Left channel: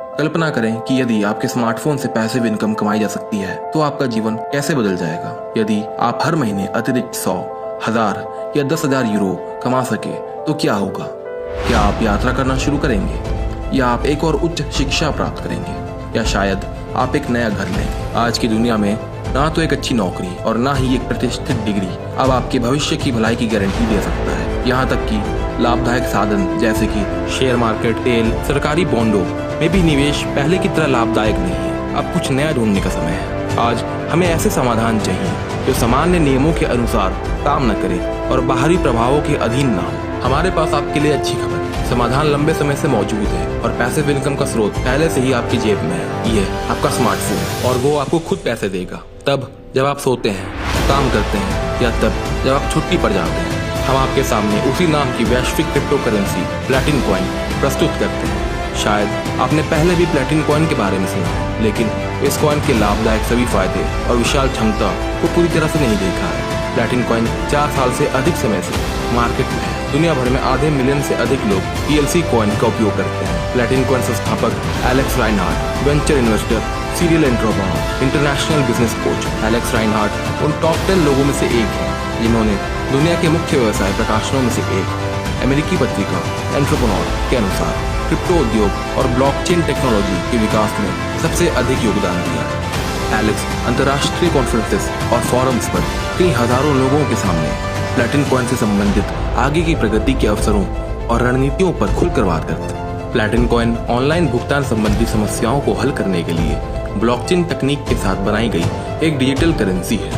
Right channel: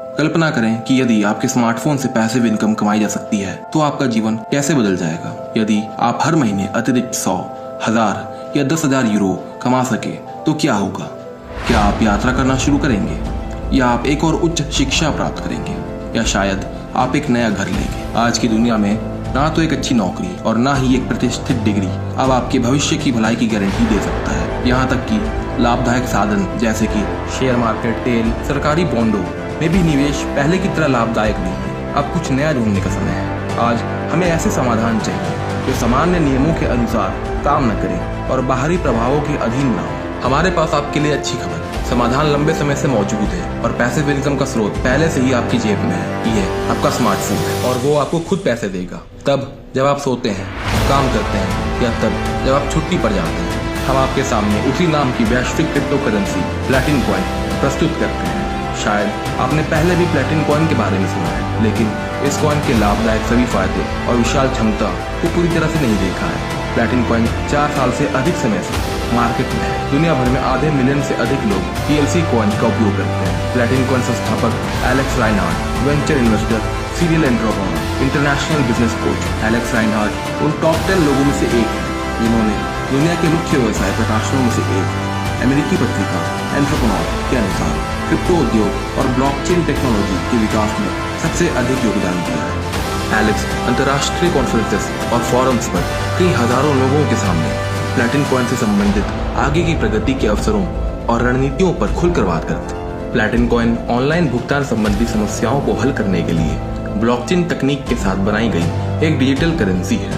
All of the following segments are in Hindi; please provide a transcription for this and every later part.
कल्पना करें कि यदि आपके स्मार्टफोन से पैसिव इनकम कमाई जा सकती है तो आपका जीवन कैसे बदल जाएगा। यदि आप हर महीने अतिरिक्त 100, 1000 या 10,000 यूरो कमा सके तो क्या होगा? क्या आप यात्रा करना शुरू करेंगे, या आप एक और उच्च शिक्षा प्राप्त करेंगे, या शायद आप एक नया घर लेंगे? आज की दुनिया में ना तो एक अच्छी नौकरी और ना ही एक प्रतिष्ठित डिग्री अब आपके भविष्य की भलाई की गारंटी दे सकता है। यहाँ तक कि लाभदायक साधन जैसे कि शेयर मार्केट, तेल, सरकारी बॉन्डों में भी निवेश पहले की तरह लाभदायक नहीं है। अब कुछ नया ढूंढने का समय है। आज हमें ऐसे समाधान चाहिए जो सामान्य नियमों के अनुसार काम न करे और बाहरी प्रभावों के अधीन न हो। हमारे पास आपके लिए अच्छी खबर, समाधान लंबे समय से मौजूद है और पैसिव इनकम का स्रोत पहले से ही आपकी जेब में है। ये आपका स्मार्टफोन है और वो आपको खुद पैसे देगा, तब जब आप सोते हैं, काम करते हैं, या तब जब आप छुट्टी पर जाते हैं। हम आपके सामने उसी नाम की वैश्विक क्रिप्टो करेंसी प्लैटिन कॉइन प्रस्तुत करते हैं। शायद आपने पहले भी प्लैटिन कॉइन के बारे में सुना है, लेकिन इस कॉइन के लाभदायक सभी फायदे और विशाल क्षमता को पूरी तरह से नहीं देखा है। प्लैटिन कॉइन 4 साल से अधिक समय से मार्केट में है। दुनिया भर में आधे मिलियन से अधिक लोग PLC कॉइन का उपयोग करते हैं। प्लैटिन कॉइन संस्थापक Alex Reinhardt, venture investor, serial entrepreneur, international business coach Alex Reinhardt उन टॉप 10 लोगों में से एक है जिन्होंने दुनिया के मुख्य व्यवसाय प्रकाशनों में से एक अमेरिकी पत्रिका एंटरप्रेन्योर के अनुसार क्रिप्टो उद्योग और ब्लॉकचेन टेक्नोलॉजी के विकास में सबसे अधिक योगदान दिया है। एलेक्स अंतर्राष्ट्रीय कॉन्फ्रेंसेस और फोरम्स पर कई हजारों लोगों के सामने प्लैटिन कॉइन से संबंधित आगे की प्रगति के अवसरों और रणनीतियों पर खुलकर बात करते हैं। प्लैटिन कॉइन ऑनलाइन भुगतान संबंधी समस्याओं को हल करने के लिए ब्लॉकचेन तकनीक के साथ बनाई गई एक डिजिटल करेंसी है।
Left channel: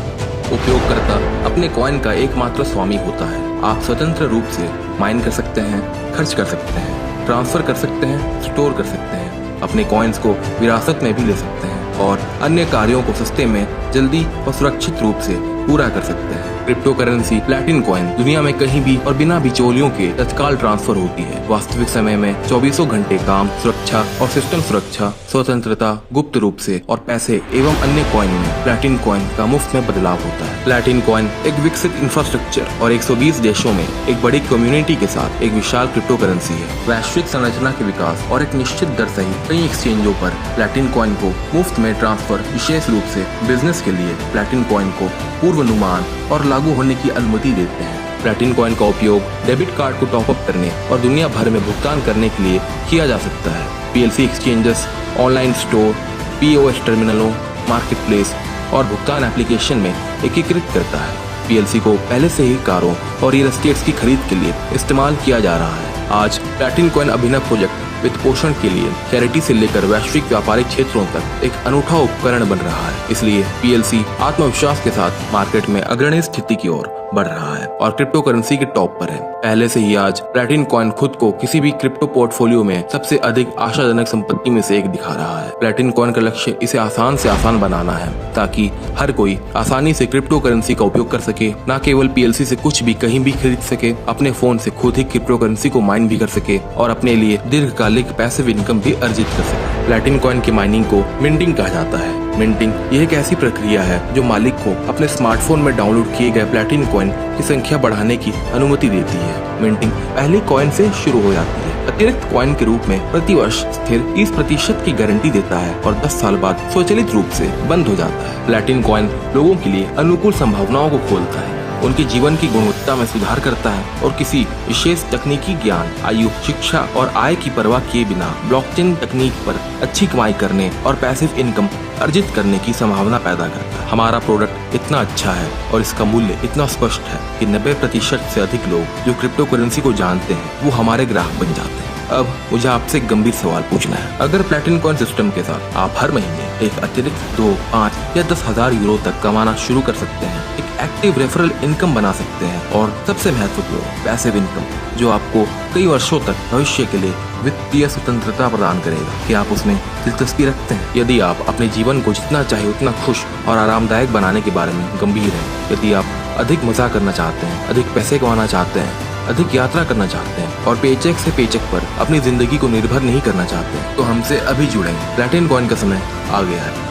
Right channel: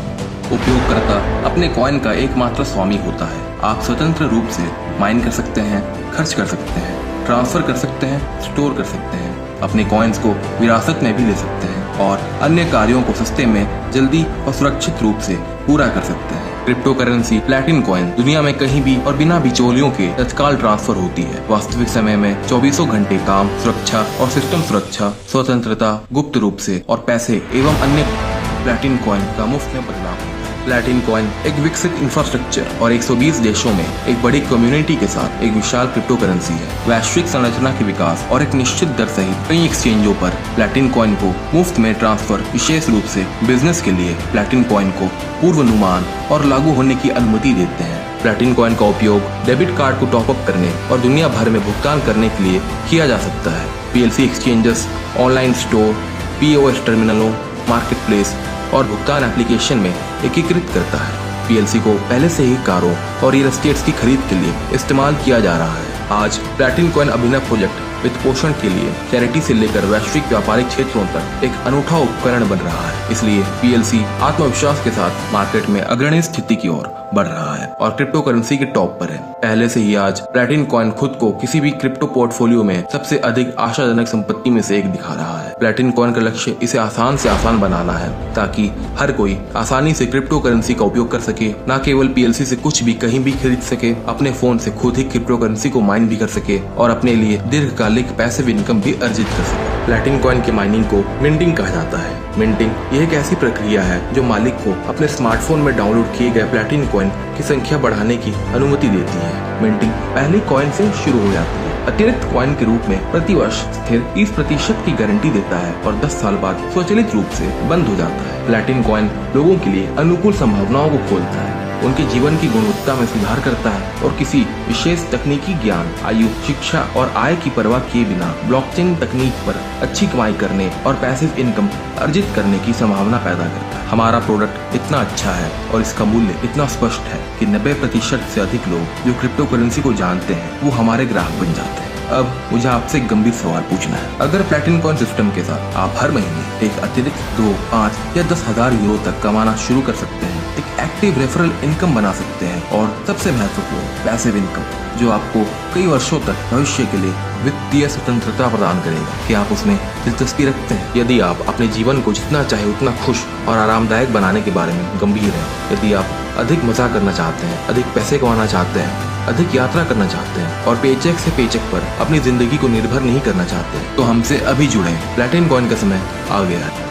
उपयोगकर्ता अपने कॉइन का एकमात्र स्वामी होता है। आप स्वतंत्र रूप से माइन कर सकते हैं, खर्च कर सकते हैं, ट्रांसफर कर सकते हैं, स्टोर कर सकते हैं, अपने कॉइन्स को विरासत में भी ले सकते हैं और अन्य कार्यों को सस्ते में, जल्दी और सुरक्षित रूप से पूरा कर सकते हैं। क्रिप्टो करेंसी प्लैटिन कॉइन दुनिया में कहीं भी और बिना बिचौलियों के तत्काल ट्रांसफर होती है। वास्तविक समय में 24 घंटे काम, सुरक्षा और सिस्टम सुरक्षा, स्वतंत्रता, गुप्त रूप से और पैसे एवं अन्य कॉइन में प्लैटिन कॉइन का मुफ्त में बदलाव होता है। प्लैटिन कॉइन एक विकसित इंफ्रास्ट्रक्चर और 120 देशों में एक बड़ी कम्युनिटी के साथ एक विशाल क्रिप्टो करेंसी है। वैश्विक संरचना के विकास और एक निश्चित दर सहित कई एक्सचेंजों पर प्लैटिन कॉइन को मुफ्त में ट्रांसफर, विशेष रूप से बिजनेस के लिए प्लैटिन कॉइन को पूर्वानुमान और लागू होने की अनुमति देते हैं। प्लैटिन कॉइन का उपयोग डेबिट कार्ड को टॉप अप करने और दुनिया भर में भुगतान करने के लिए किया जा सकता है। PLC exchanges, online store, POS टर्मिनलों, मार्केट प्लेस और भुगतान एप्लीकेशन में एकीकृत करता है। PLC को पहले से ही कारों और रियल एस्टेट की खरीद के लिए इस्तेमाल किया जा रहा है। आज प्लैटिन कॉइन अभिनव प्रोजेक्ट वित्त पोषण के लिए चैरिटी से लेकर वैश्विक व्यापारिक क्षेत्रों तक एक अनूठा उपकरण बन रहा है। इसलिए PLC आत्मविश्वास के साथ मार्केट में अग्रणी स्थिति की ओर बढ़ रहा है और क्रिप्टो करेंसी के टॉप पर है। पहले से ही आज प्लैटिन कॉइन खुद को किसी भी क्रिप्टो पोर्टफोलियो में सबसे अधिक आशाजनक संपत्ति में से एक दिखा रहा है। प्लैटिन कॉइन का लक्ष्य इसे आसान से आसान बनाना है ताकि हर कोई आसानी से क्रिप्टो करेंसी का उपयोग कर सके, न केवल PLC से कुछ भी कहीं भी खरीद सके, अपने फोन से खुद ही क्रिप्टो करेंसी को माइन भी कर सके और अपने लिए दीर्घकालिक पैसिव इनकम भी अर्जित कर सके। प्लैटिन कॉइन की माइनिंग को मिंटिंग कहा जाता है। मिंटिंग यह एक ऐसी प्रक्रिया है जो मालिक को अपने स्मार्टफोन में डाउनलोड किए गए प्लैटिन कॉइन की संख्या बढ़ाने की अनुमति देती है। मिंटिंग पहले कॉइन से शुरू हो जाती है, अतिरिक्त कॉइन के रूप में प्रति वर्ष स्थिर 30% की गारंटी देता है और 10 साल बाद स्वचालित रूप से बंद हो जाता है। प्लैटिन कॉइन लोगों के लिए अनुकूल संभावनाओं को खोलता है, उनके जीवन की गुणवत्ता में सुधार करता है और किसी विशेष तकनीकी ज्ञान, आयु, शिक्षा और आय की परवाह किए बिना ब्लॉकचेन तकनीक पर अच्छी कमाई करने और पैसिव इनकम अर्जित करने की संभावना पैदा करता है। हमारा प्रोडक्ट इतना अच्छा है और इसका मूल्य इतना स्पष्ट है कि 90% से अधिक लोग जो क्रिप्टो करेंसी को जानते हैं वो हमारे ग्राहक बन जाते हैं। अब मुझे आपसे एक गंभीर सवाल पूछना है। अगर प्लैटिन कॉइन सिस्टम के साथ आप हर महीने एक अतिरिक्त 2, 5 या 10,000 यूरो तक कमाना शुरू कर सकते हैं, एक एक्टिव रेफरल इनकम बना सकते हैं और सबसे महत्वपूर्ण पैसिव इनकम जो आपको कई वर्षों तक भविष्य के लिए वित्तीय स्वतंत्रता प्रदान करेगा, कि आप उसमें दिलचस्पी रखते हैं? यदि आप अपने जीवन को जितना चाहे उतना खुश और आरामदायक बनाने के बारे में गंभीर हैं, यदि आप अधिक मजा करना चाहते हैं, अधिक पैसे कमाना चाहते हैं, अधिक यात्रा करना चाहते हैं और पेचेक से पेचेक पर अपनी जिंदगी को निर्भर नहीं करना चाहते हैं, तो हमसे अभी जुड़ें। प्लैटिन कॉइन का समय आ गया है।